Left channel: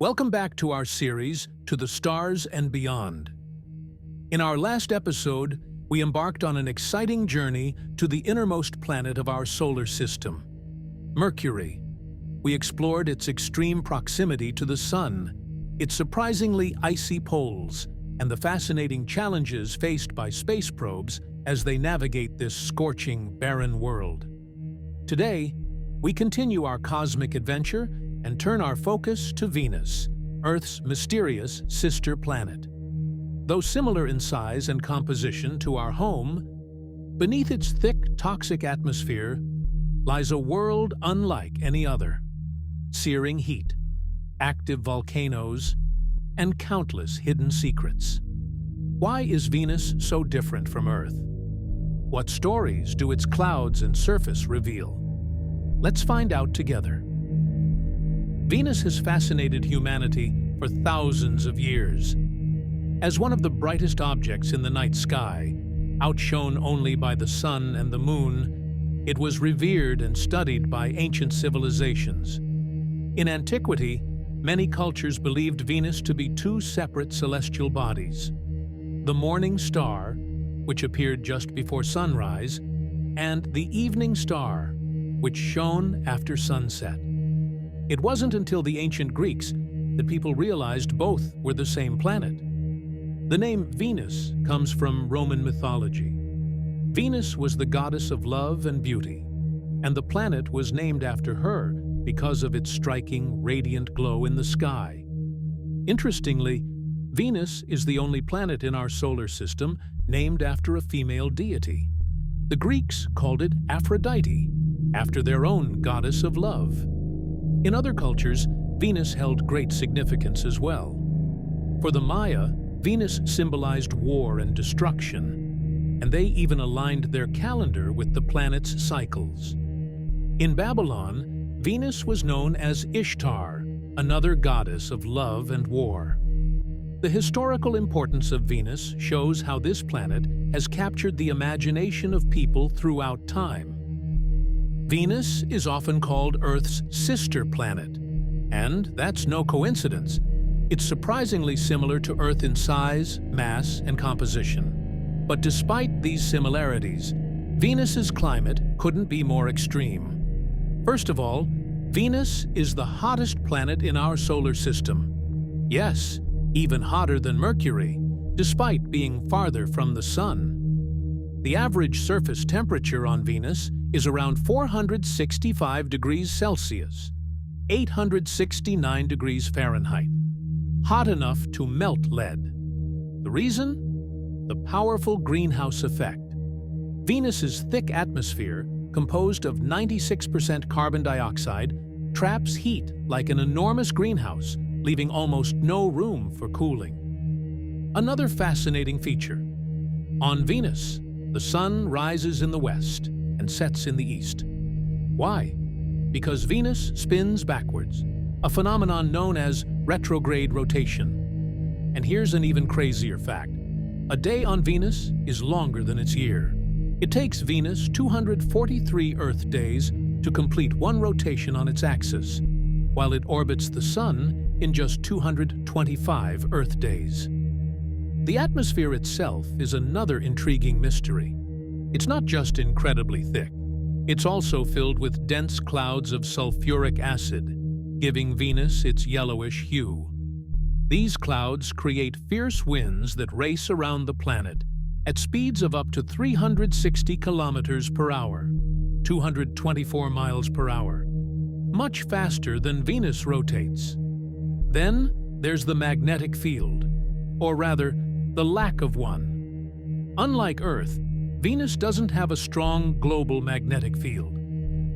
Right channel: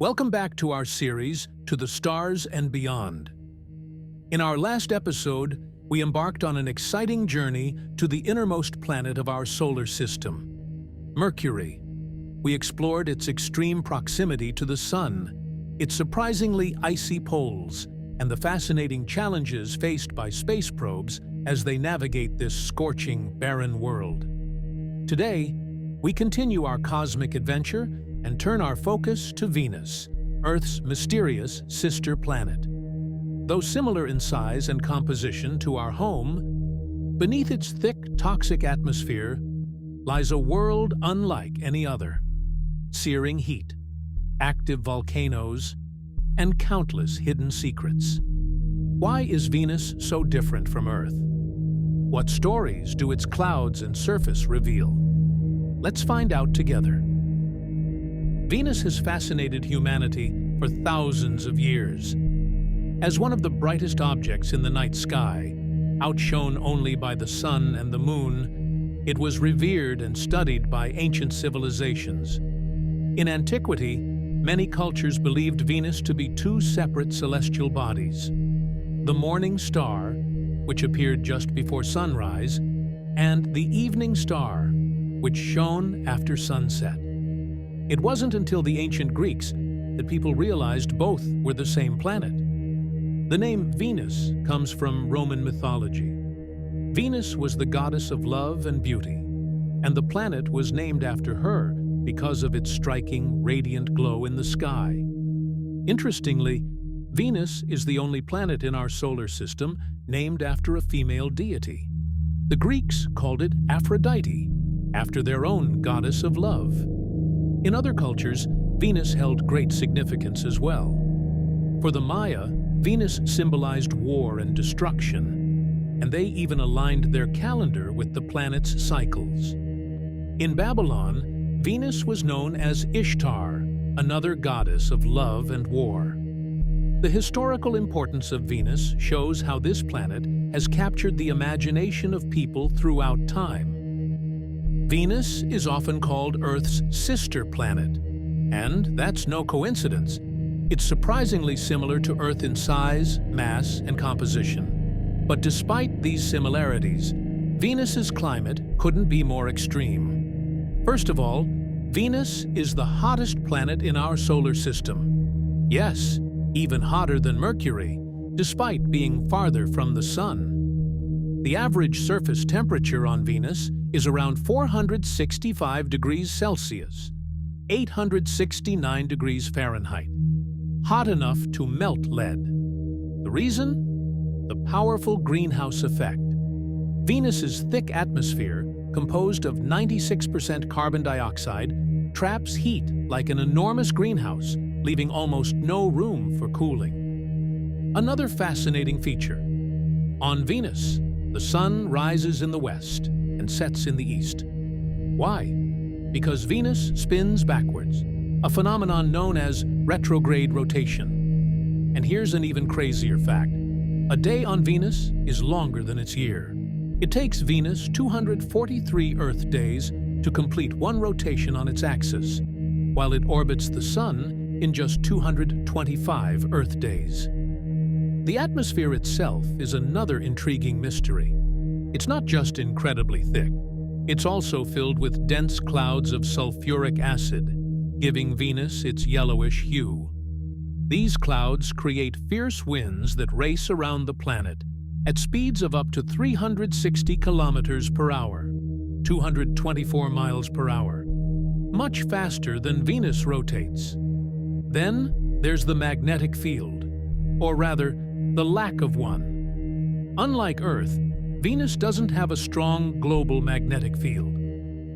Welcome back to our series, To the Stars and Beyond. In our last episode, we embarked on an exciting journey to the innermost planet of our solar system, Mercury. We explored its extreme proximity to the Sun, its surprisingly icy poles, and the fascinating challenges faced by space probes as they navigate this scorching, barren world. Today, we continue our cosmic adventure and turn our focus to Venus, Earth's mysterious sister planet. Though similar in size and composition to our home, beneath its thick, toxic atmosphere lies a world unlike any other. Searing heat, active volcanoes, and countless hidden secrets. Why is Venus so different from Earth? What stories do its clouds and surface reveal? Let's find out together. Venus has fascinated humanity for thousands of years. As one of the brightest objects in the night sky, outshone only by the sun and the moon, it was revered and studied by ancient civilizations. In antiquity, many cultures believed Venus to be two separate celestial bodies: the morning star, which appeared just before sunrise, and the evening star, which shone after sunset. It wasn't until the ancient Greeks that people realized both were the same planet. The name Venus comes from Roman mythology. Venus was the goddess of love and beauty, and the planet was named after her because of its striking, radiant glow in the sky. Interestingly, Venus is the only planet in our solar system named after a female deity. The Greeks called it Aphrodite, after their own goddess of love. In other cultures, Venus held great significance as well. For the Maya, Venus symbolized war and destruction, and they even aligned their calendar with the planet's cycles. In Babylon, Venus was known as Ishtar, another goddess of love and war. The historical importance of Venus shows how this planet has captured the imagination of people throughout time. Venus is often called Earth's sister planet, and that's no coincidence. It's surprisingly similar to Earth in size, mass, and composition. But despite these similarities, Venus's climate couldn't be more extreme. First of all, Venus is the hottest planet in our solar system. Yes, even hotter than Mercury, despite being farther from the Sun. The average surface temperature on Venus is around 465 degrees Celsius, 869 degrees Fahrenheit, hot enough to melt lead. The reason? The powerful greenhouse effect. Venus's thick atmosphere, composed of 96% carbon dioxide, traps heat like an enormous greenhouse, leaving almost no room for cooling. Another fascinating feature. On Venus, the sun rises in the west and sets in the east. Why? Because Venus spins backwards, a phenomenon known as retrograde rotation. And here's an even crazier fact. A day on Venus is longer than its year. It takes Venus 243 Earth days to complete one rotation on its axis, while it orbits the Sun in just 225 Earth days. The atmosphere itself is another intriguing mystery. It's not just incredibly thick. It's also filled with dense clouds of sulfuric acid, giving Venus its yellowish hue. These clouds create fierce winds that race around the planet at speeds of up to 360 kilometers per hour, 224 miles per hour, much faster than Venus rotates. Then there's the magnetic field, or rather, the lack of one. Unlike Earth, Venus doesn't have a strong global magnetic field,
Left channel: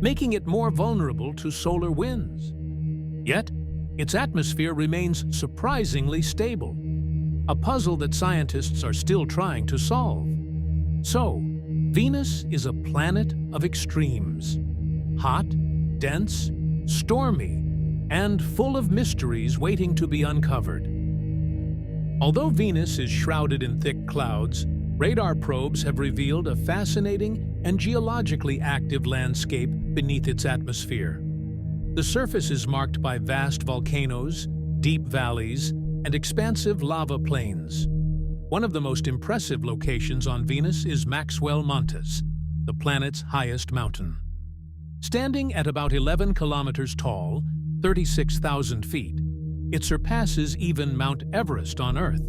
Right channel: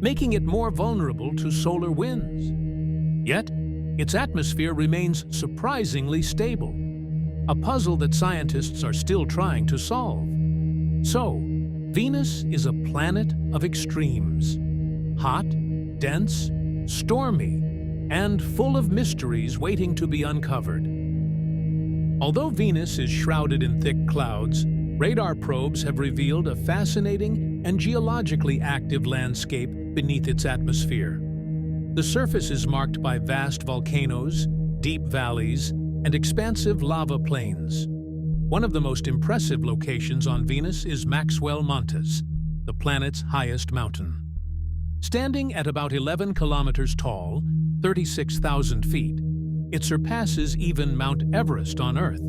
making it more vulnerable to solar winds. Yet, its atmosphere remains surprisingly stable, a puzzle that scientists are still trying to solve. So, Venus is a planet of extremes: hot, dense, stormy, and full of mysteries waiting to be uncovered. Although Venus is shrouded in thick clouds, radar probes have revealed a fascinating and geologically active landscape beneath its atmosphere. The surface is marked by vast volcanoes, deep valleys, and expansive lava plains. One of the most impressive locations on Venus is Maxwell Montes, the planet's highest mountain. Standing at about 11 kilometers tall, 36,000 feet, it surpasses even Mount Everest on Earth.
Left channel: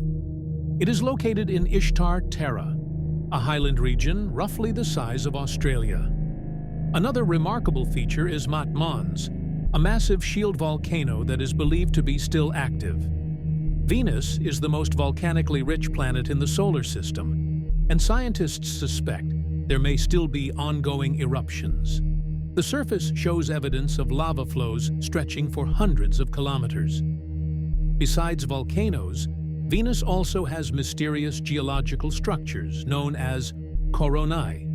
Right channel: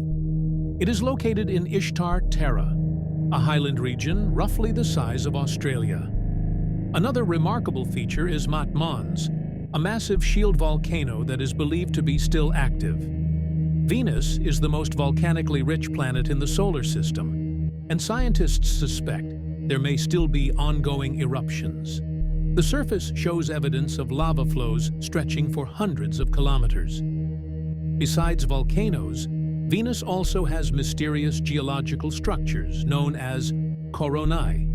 It is located in Ishtar Terra, a highland region roughly the size of Australia. Another remarkable feature is Mat Mons, a massive shield volcano that is believed to be still active. Venus is the most volcanically rich planet in the solar system, and scientists suspect there may still be ongoing eruptions. The surface shows evidence of lava flows stretching for hundreds of kilometers. Besides volcanoes, Venus also has mysterious geological structures known as coronae.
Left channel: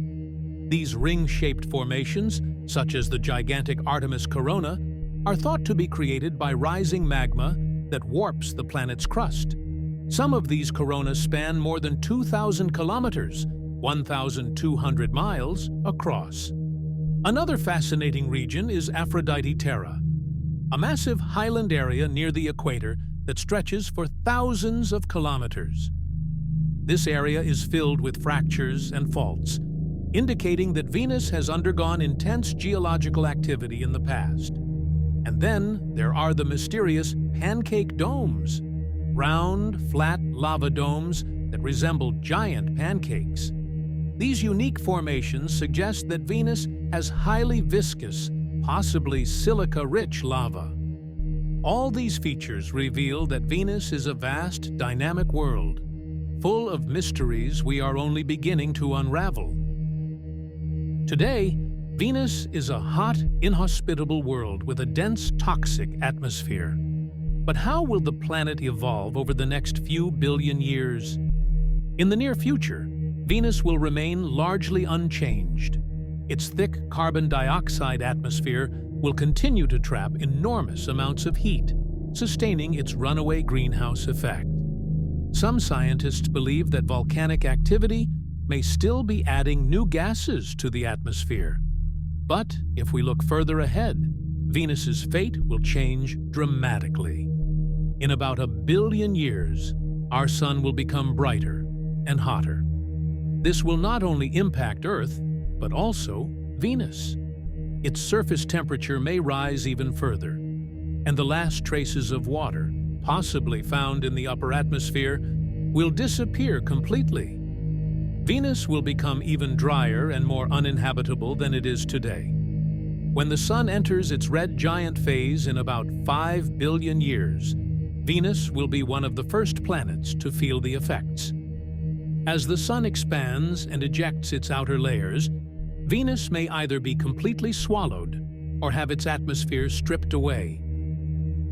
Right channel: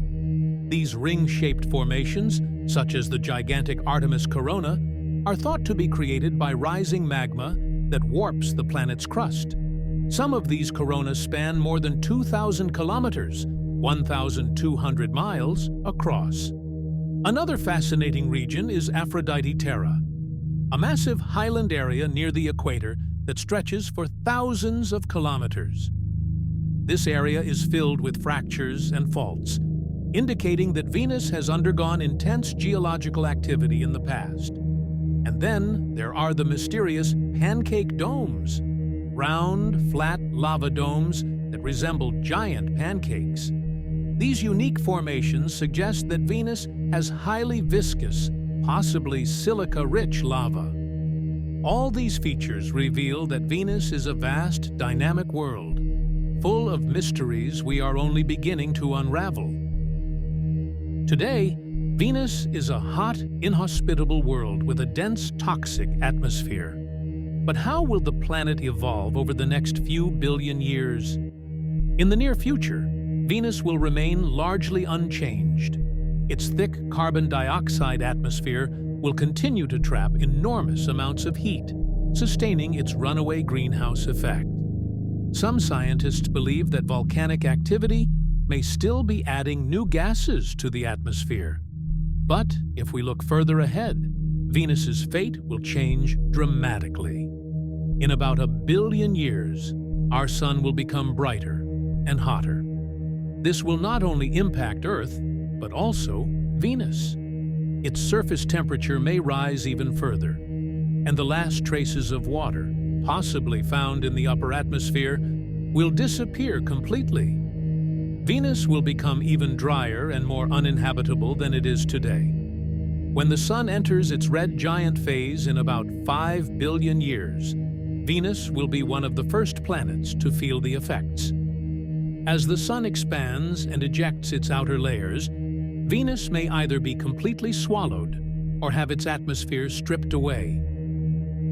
These ring-shaped formations, such as the gigantic Artemis corona, are thought to be created by rising magma that warps the planet's crust. Some of these coronas span more than 2,000 kilometers, 1,200 miles, across. Another fascinating region is Aphrodite Terra, a massive highland area near the equator that stretches for thousands of kilometers. This area is filled with fractures and faults, indicating that Venus has undergone intense geological activity in the past. And then there are the mysterious pancake domes, round, flat lava domes that resemble giant pancakes. These unique formations suggest that Venus has highly viscous, possibly silica-rich lava. All these features reveal that Venus is a vast, dynamic world, full of mysteries we are only beginning to unravel. Today, Venus is a hot, inhospitable world with a dense, toxic atmosphere. But how will the planet evolve over the next few billion years? In the near future, Venus will remain largely unchanged. Its thick carbon dioxide atmosphere will continue to trap enormous amounts of heat, sustaining its runaway greenhouse effect. Some scientists believe that volcanic activity may still be adding new gases to the atmosphere. But if we look further ahead, Venus's fate will change dramatically. In about 1 billion years, our sun will become brighter and hotter. This will not only impact Earth, but also Venus. Its surface temperature may rise even further, and the last traces of water, possibly found in the upper atmosphere, will disappear completely. Venus will become even drier and more uninhabitable than it is today. When the Sun enters its red giant phase in about 5 billion years, Venus will be one of the first planets to feel the effects. As the Sun expands and ejects its outer layers, Venus may either be completely swallowed or have its atmosphere stripped away.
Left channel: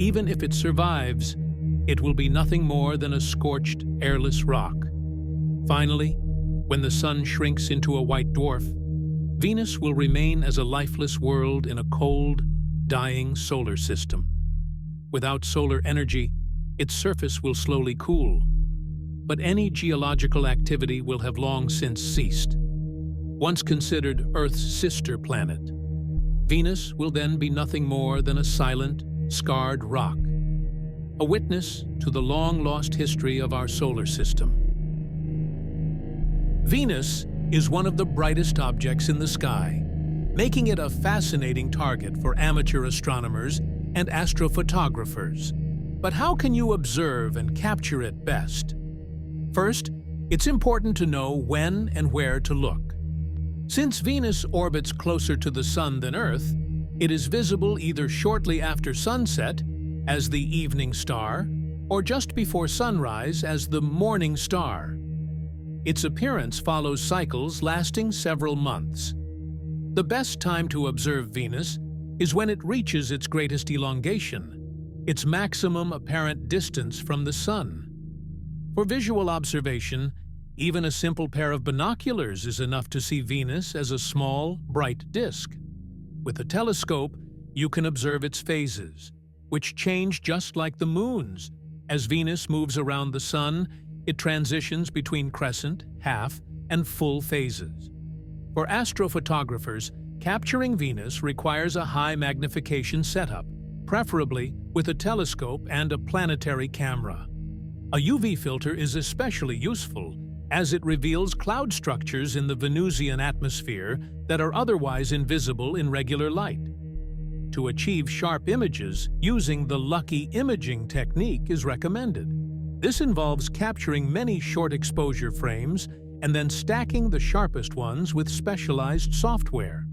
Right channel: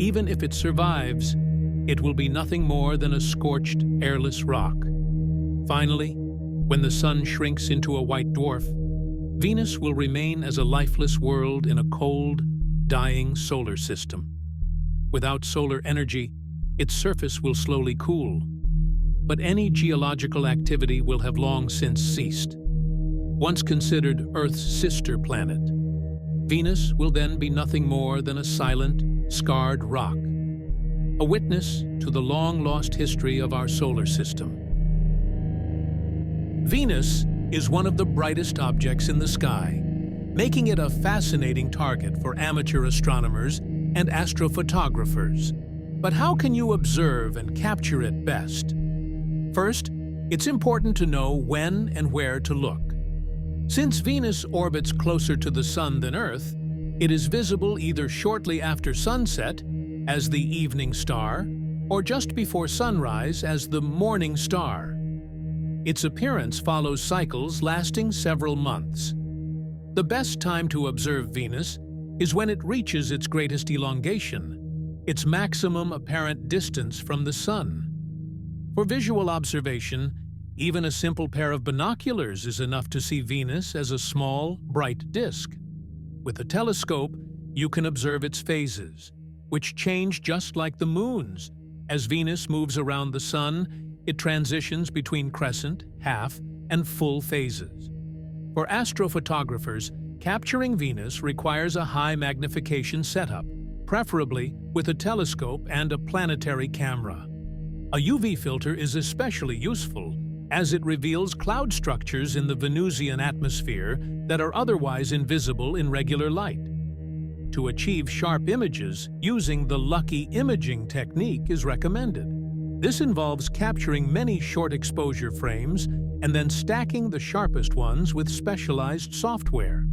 Even if it survives, it will be nothing more than a scorched, airless rock. Finally, when the Sun shrinks into a white dwarf, Venus will remain as a lifeless world in a cold, dying solar system. Without solar energy, its surface will slowly cool. But any geological activity will have long since ceased. Once considered Earth's sister planet, Venus will then be nothing more than a silent, scarred rock, a witness to the long-lost history of our solar system. Venus is one of the brightest objects in the sky, making it a fascinating target for amateur astronomers and astrophotographers. But how can you observe and capture it best? First, it's important to know when and where to look. Since Venus orbits closer to the Sun than Earth, it is visible either shortly after sunset as the evening star or just before sunrise as the morning star. Its appearance follows cycles lasting several months. The best time to observe Venus is when it reaches its greatest elongation, its maximum apparent distance from the Sun. For visual observation, even a simple pair of binoculars is enough to see Venus as a small, bright disk. With a telescope, you can observe its phases, which change just like the moon's. As Venus moves around the Sun, it transitions between crescent, half, and full phases. For astrophotographers, capturing Venus requires a high magnification setup, preferably with a telescope and a planetary camera. A UV filter is especially useful as it reveals cloud structures in the Venusian atmosphere that are otherwise invisible in regular light. To achieve sharp images, using the lucky imaging technique is recommended. This involves capturing many short exposure frames and then stacking the sharpest ones with specialized software.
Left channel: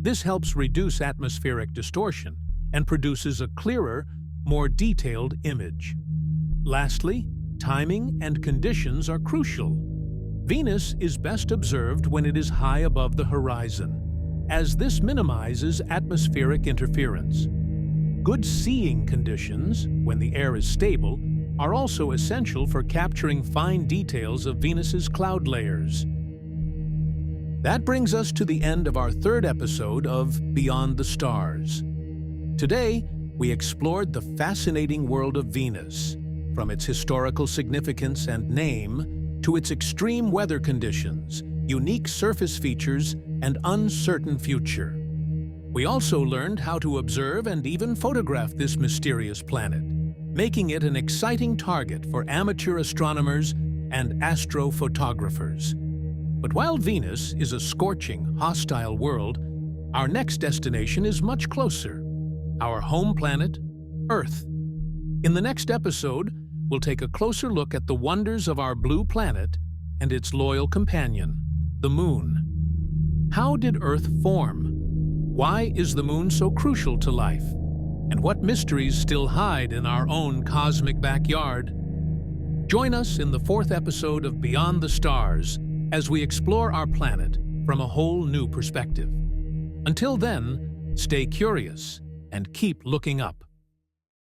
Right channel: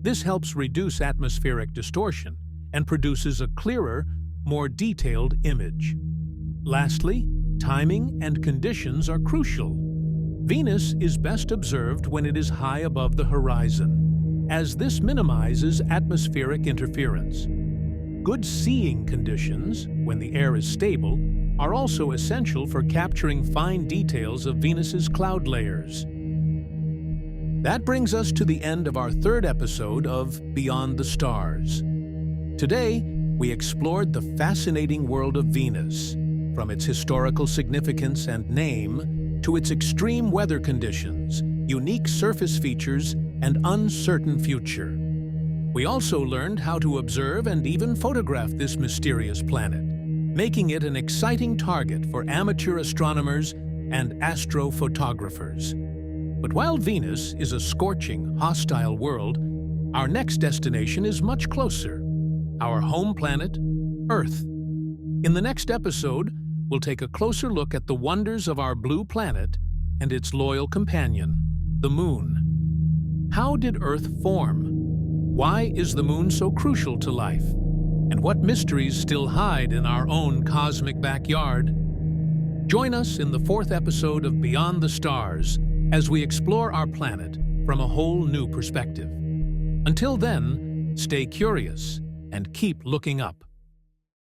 This helps reduce atmospheric distortion and produces a clearer, more detailed image. Lastly, timing and conditions are crucial. Venus is best observed when it is high above the horizon, as this minimizes atmospheric interference. Good seeing conditions, when the air is stable, are also essential for capturing fine details of Venus's cloud layers. That brings us to the end of our third episode of Beyond the Stars. Today, we explored the fascinating world of Venus, from its historical significance and name to its extreme weather conditions, unique surface features, and uncertain future. We also learned how to observe and even photograph this mysterious planet, making it an exciting target for amateur astronomers and astrophotographers. But while Venus is a scorching, hostile world, our next destination is much closer: our home planet, Earth. In the next episode, we'll take a closer look at the wonders of our blue planet and its loyal companion, the Moon. How did Earth form? Why is the Moon so crucial to life? And what mysteries still hide in our own cosmic backyard? Join us in the fourth episode of Beyond the Stars as we explore our planet from a whole new perspective. Until then, stay curious and keep looking up.